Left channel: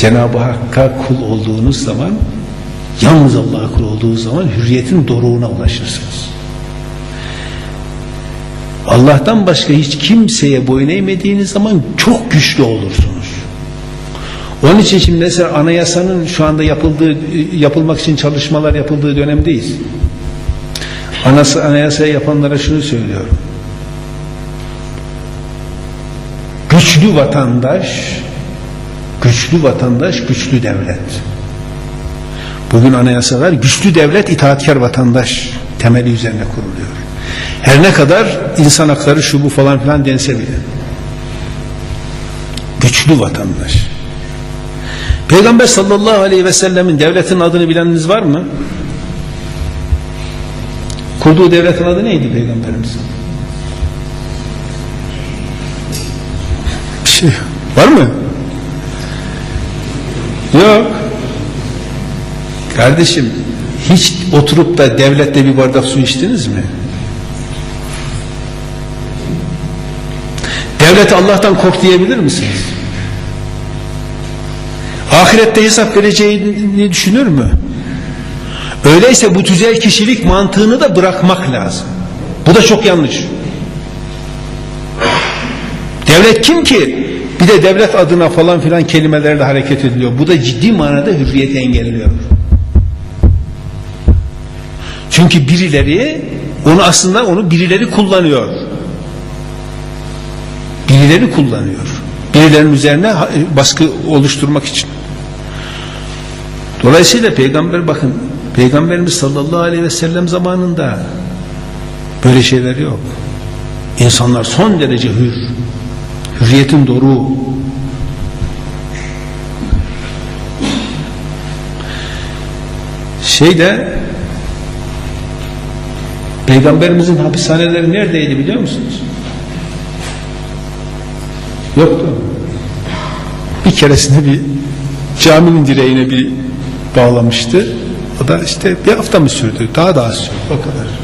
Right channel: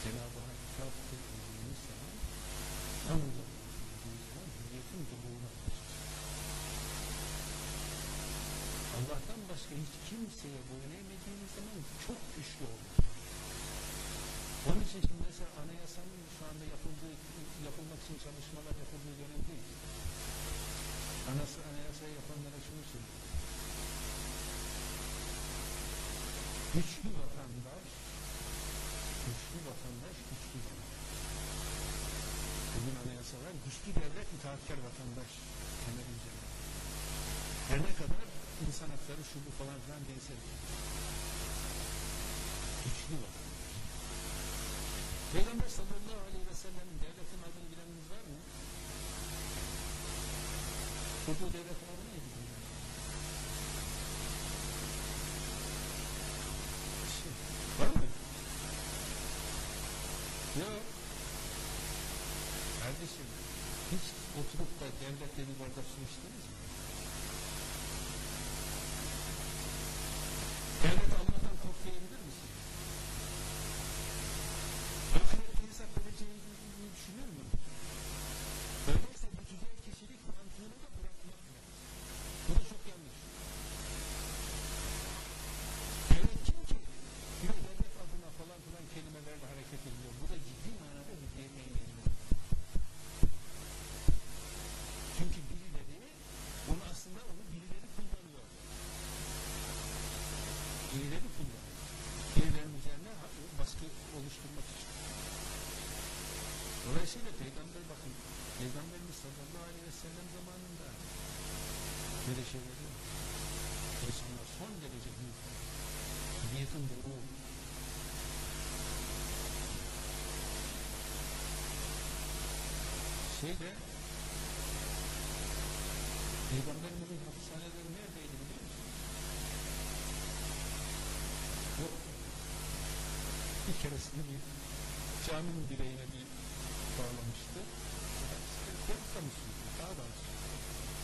Cenab-ı Hakk'a kul olduğunuz zaman yalnız Allah'a kul olduğunuz zaman hürriyetin doruğuna ulaşırsınız. Allah'tan başka hiç kimseye boyun eğmediğiniz zaman çok güçlü olursunuz. Onun için şimdi mesela anayasanın şu anda yapıldığı yapılmak için çalışmalar yapıldığı dönemdeyiz. Anası anayasayı yapanlara şunu söylüyorum. Güçlü vatandaş, güçlü vatandaş, güçlü devlet. Bugün anayasalar güçlü devlet, itaatkar vatandaş temeli üzerine kuruluyor. Her ne kadar insan hakları şu bu falan filan dense bile. Güçlü vatandaş. Peygamber sallallahu aleyhi ve sellemin devletin adını bileniniz var mı? Kurduğu devletin adı neydi peygamberimizin? Bir şey var mı? Yok. Kardeşim hiç oturup da devlette bir bardak su içtiniz mi? Devlete Allah'tan kork diyebilir misiniz? Ahirette hesap vereceğini düşünür mü? Öyleyse bu tüzel kişilik mantığını da bırakmak lazım. Bu da çok yanlış. Devlet kim ki? Bir de devlet adına falan filan kelimelerle hareket ediliyor. Bu da ciddi manada hürriyeti engelliyor. Çünkü birileri onu aslında onu birileri kullanıyor. Birileri kullanıyor. Birilerinin üzerine baskı oluşturmak için. Dolayısıyla peygamber bakın peygamberimiz sallallahu aleyhi ve sellem zamanında böyle şeyler yok. İnsanlar son derece hür. Hürriyetin doruğu. Şeyde Peygamberimizin hapishaneleri neredeydi biliyor musunuz? Yoktu. Bir keresinde bir caminin direğine bir bağlamıştı. O da işte bir hafta mı sürdü? Daha da az sürdü. O kadar.